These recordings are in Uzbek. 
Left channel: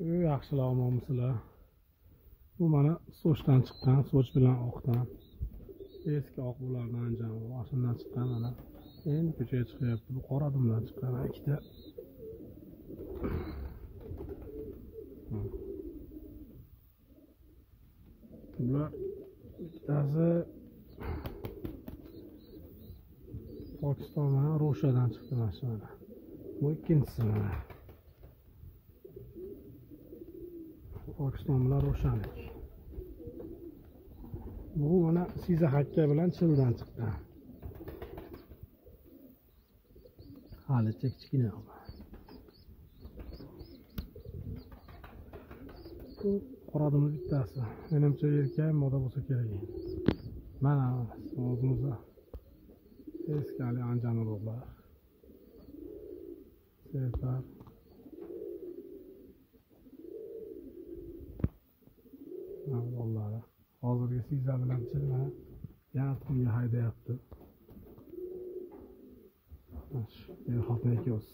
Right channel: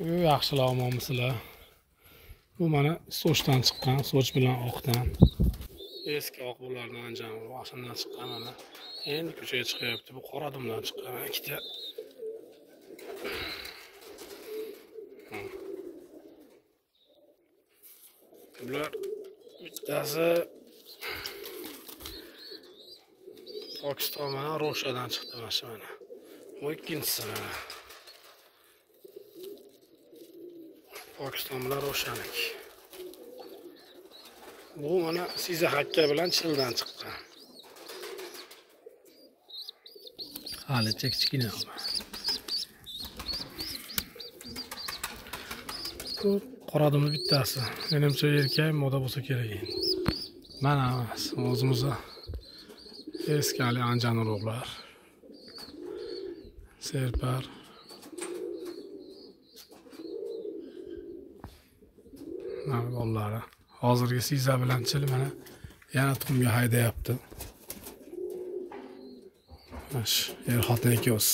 Yaxshilar, omonmisizlar? Bu mana sochdan chiqqan, soch bilan oqdan. Eski oq bulardan anjam, ashundan chiqqan mana. Endi ko'chaga chiqyapti. Bu qora dumdan chiqqan ikkita. Bular bittasi Pokiston mana Ro'shadan chiqdi mana. Bu ikkinchisi mana. Pokiston bilan Ro'shaniki. Bu mana Siza Hakka bilan Childan chiqqan. Hali kichkina. Bu qora dumni bittasi. Menimcha erkak moda bo'lsa kerak endi. Mana o'zimizda eski hali anjan urug'lar. Serpar. Mana bollari. Hozirgi Siza bilan Chil mana yana tuxumga haydayapti. Mash, xotin ikko'z.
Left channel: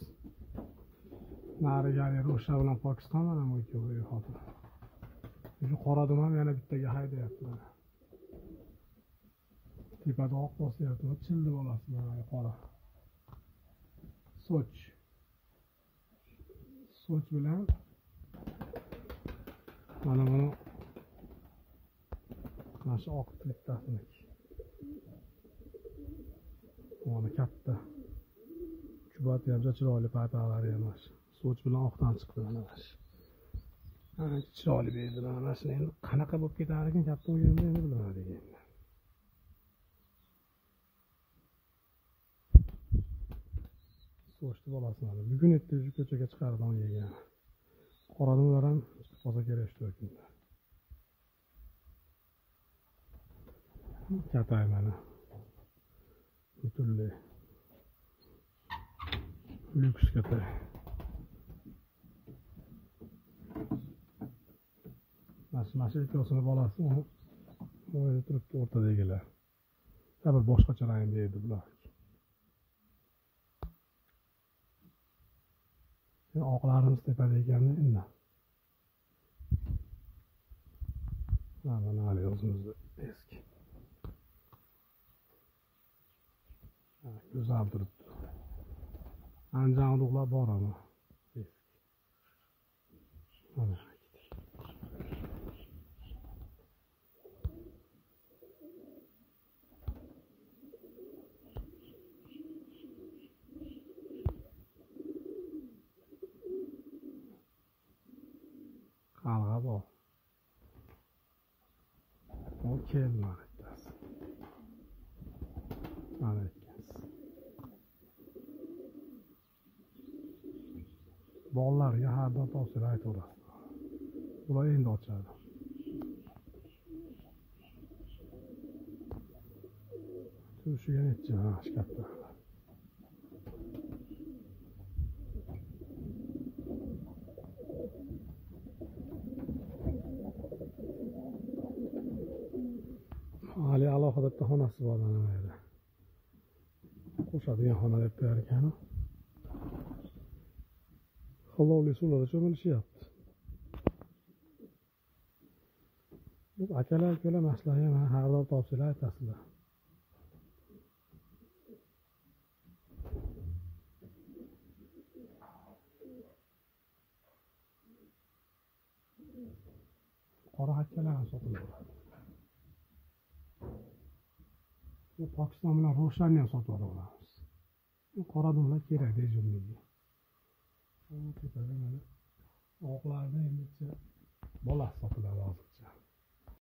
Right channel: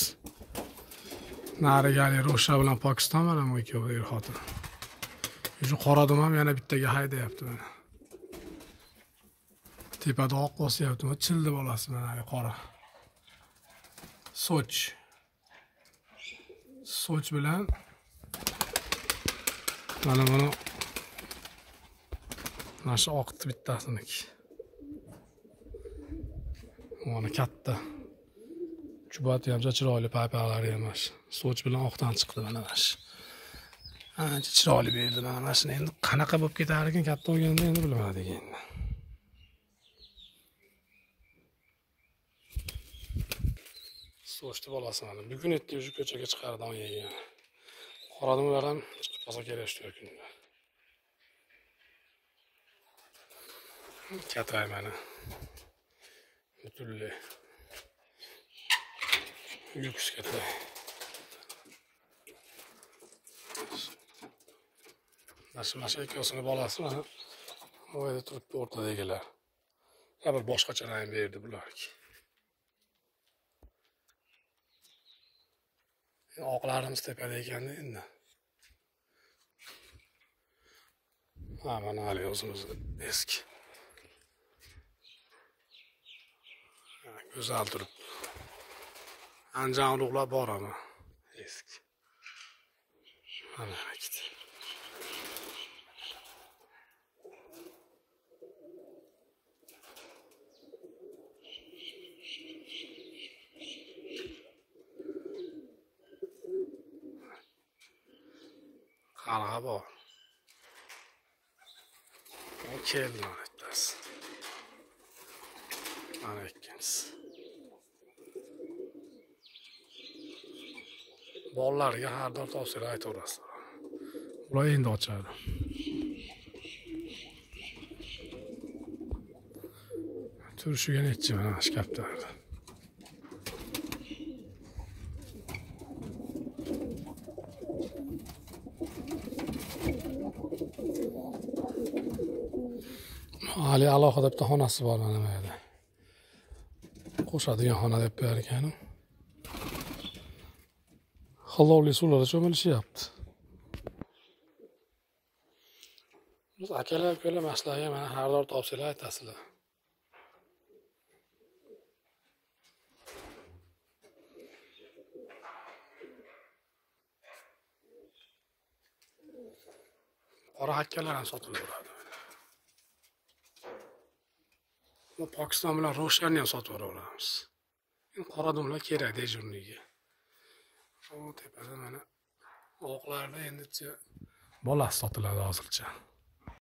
Narigali Ro'sha bilan Pokiston mana bu ikkovi xotin. Shu qora dum ham yana bittaga haydayapti mana. Tepada oq bosyapti, Childi bolasi mana qora. Soch. Soch bilan mana buni mana shu oqti bittasiniki. Mana katta. Chubati ham chiroyli, paypalari ham mana shu. Soch bilan oqdan chiqdi mana shu. Ancha chiroyli berdi mana shuni. Endi qanaqa bo'lib ketar ekan katta bo'lganda endi bilmadik endi. Sochdi bolasi mana. Bugun etdi shu ko'chaga chiqardi on yegan. Qora dumlar ham chiqib qolsa kerak shu kunda. Katay mana. Butunlay. Lyuks katay. Mana ikkosini bolasi mana bu yerda turibdi o'rtadagilar. Ya bir boshqacha rang berdi bularga. Endi oqlarimiz tepada ekanda endi. Mana hali o'zimiz eski. Go'zal turibdi. Anjan urug'lar bor ama eski. Mana ikkita. Qarg'a bor. O keldi mana bittasi. Mana ikkinchisi. Bolalarga har doim tavsiya aytaverasiz. Ular endi ochadi. Turishiga nechi mana shkaflarda. Hali alohida bitta xonasi bor mana bu yerda. Qo'shadigan xona deb bergan. Xalovli suvlarda cho'milishyapti. Biz akalar ko'lamaslarga mana har doim tavsiyalar aytasizlar. Qora hakkalar ham sotilaveradi. Bu Pokiston bilan Ro'shanni ham sotib yuboramiz. Endi qora dumlar kerak dejurniga. O tepada mana oqlarda endi bolasi sotiladi hozircha.